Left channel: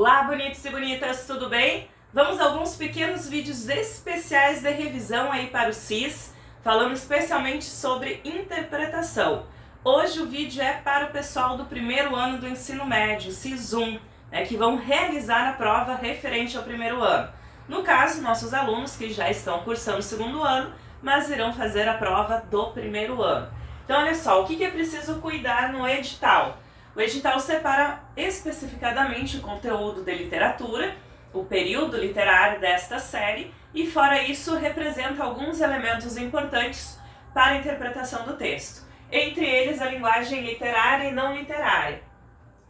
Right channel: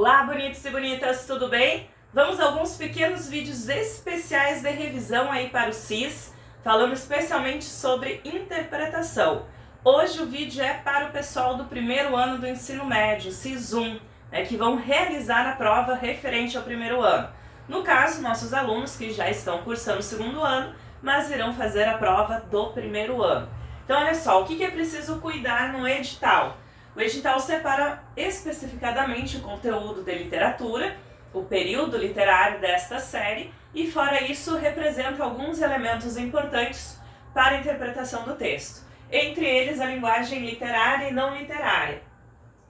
Olá, bonitos e bonitas, tudo bem? Vamos a alguns pequenos vídeos especiais de revisão aí para o CIS, falando especialmente sobre interpretação. Hoje o vídeo é para o pessoal do primeiro ano do ensino médio, CIS 1, que vão realizar a prova referente ao primeiro ano. No caso, nossos alunos que já estão cursando o segundo ano, mas irão fazer a prova do primeiro ano. Então olha só, o que é preciso cuidar no edital? O edital separa especificadamente o conteúdo de literatura, o período literário desta série e, fora isso, representa alguns elementos importantes para a interpretação do texto. Entre eles, a linguagem literária e não literária.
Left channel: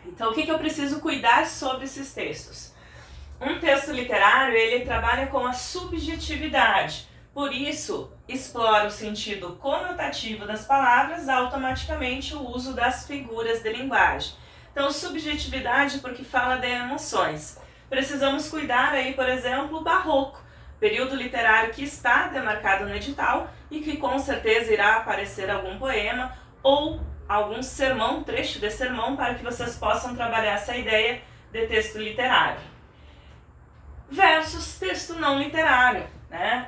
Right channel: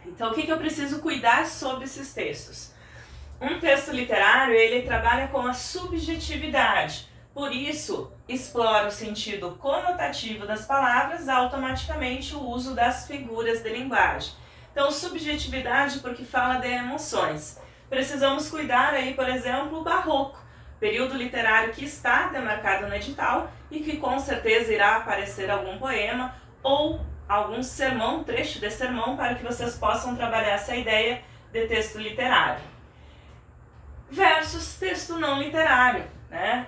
Então, o que eu preciso cuidar sobre esses textos? Um texto literário, ele trabalha com a subjetividade. Por isso, explora o sentido conotativo das palavras, automaticamente o uso das figuras de linguagem. Então, subjetividade porque fala de emoções. Precisamos cuidar aí, por exemplo, o barroco, período literário que está demarcado no edital e que com certeza irá aparecer algum poema ou algum sermão, trecho de sermão, para que vocês possam trabalhar essa ideia de texto literário. Versus texto não literário.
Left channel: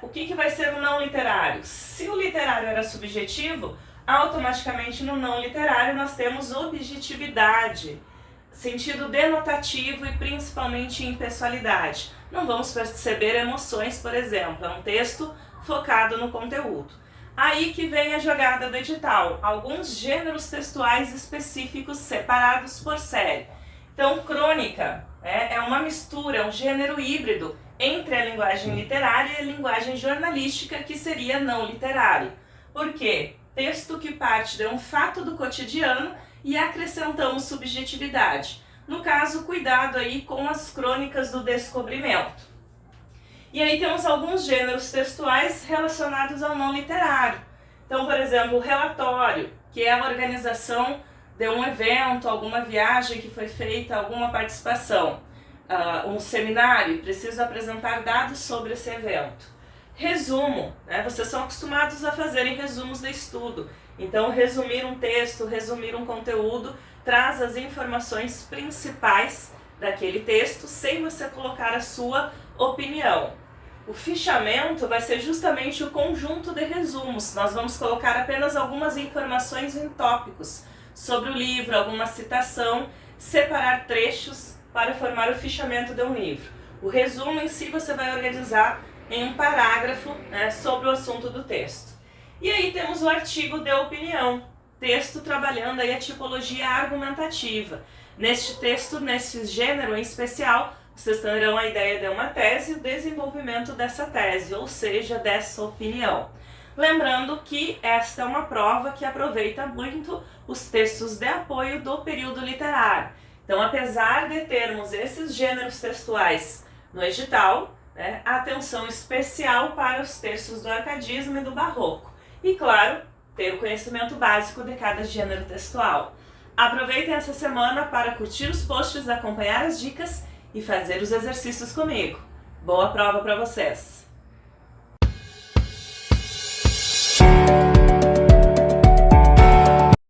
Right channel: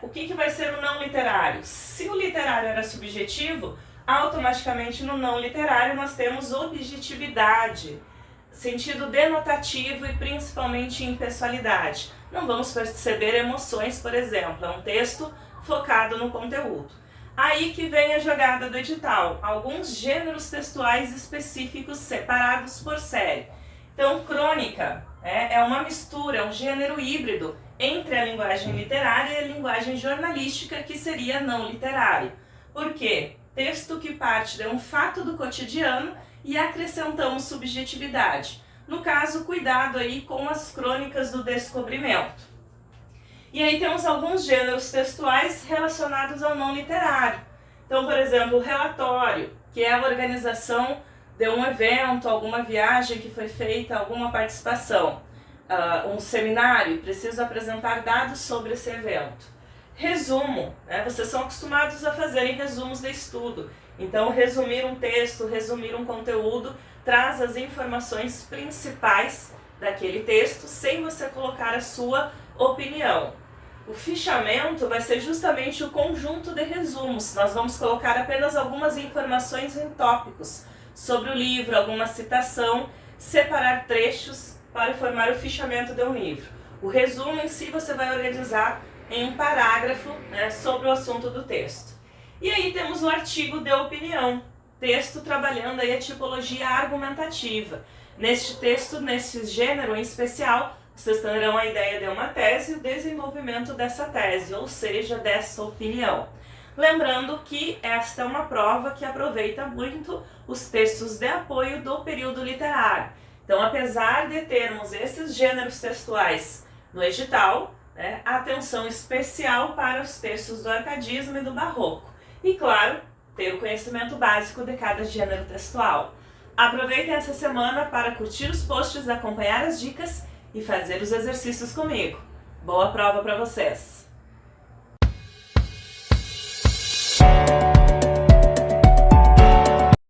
O que vai ser o não literário? Se o literário era subjetivo, automaticamente no não literário nós temos objetividade, sentido denotativo e principalmente impessoalidade. Não vamos perceber emoções, por exemplo, é um texto focado no conteúdo. Aí que vem a jogada do edital, alguns gêneros textuais específicos separados por série. Então, crônica é uma mistura, é um gênero híbrido entre a linguagem literária e a linguagem jornalística, que seria não literário. Por quê? Texto que parte de um fato do cotidiano e acrescentamos subjetividade. No caso, cuidado aí com as crônicas do descobrimento. E aí temos alguns gêneros textuais relacionados ao não literário. Então, por exemplo, o relatório, que é a organização de um evento, alguma viagem que foi feita, alguma participação. Um seminário, preciso apresentar dados sobre esse evento. Resumo, vocês são acostumados a fazerem resumos de estudo. Então, resumir um texto, resumir um conteúdo, traz as informações principais daquele texto, sem você colocar a sua opinião. O fichamento vai ser justamente o conjunto de resumos. Nós vamos colocar apenas algumas informações em tópicos sobre o livro, alguma citação, separar trechos para formar o fichamento de um livro. O resumo em si você vai organizar em um parágrafo sobre o assunto do texto. E aí temos o artigo de opinião, texto trabalhando aí a tipologia argumentativa. Neste texto, nesse gênero em especial, vocês terão a ideia de uma tese e o desenvolvimento dessa tese, ou seja, dessa opinião. Lembrando que esta é uma prova que aproveita muito os textos de apoio do período literário. Então, apesar de termos esses gêneros textuais no edital, atenção especial para os textos do arcadismo e do barroco. E, claro, ter o conhecimento básico de cada gênero textual. Aproveitem essa semana para curtir os posts, acompanhar as dicas e fazer os exercícios comigo. Boa prova para vocês!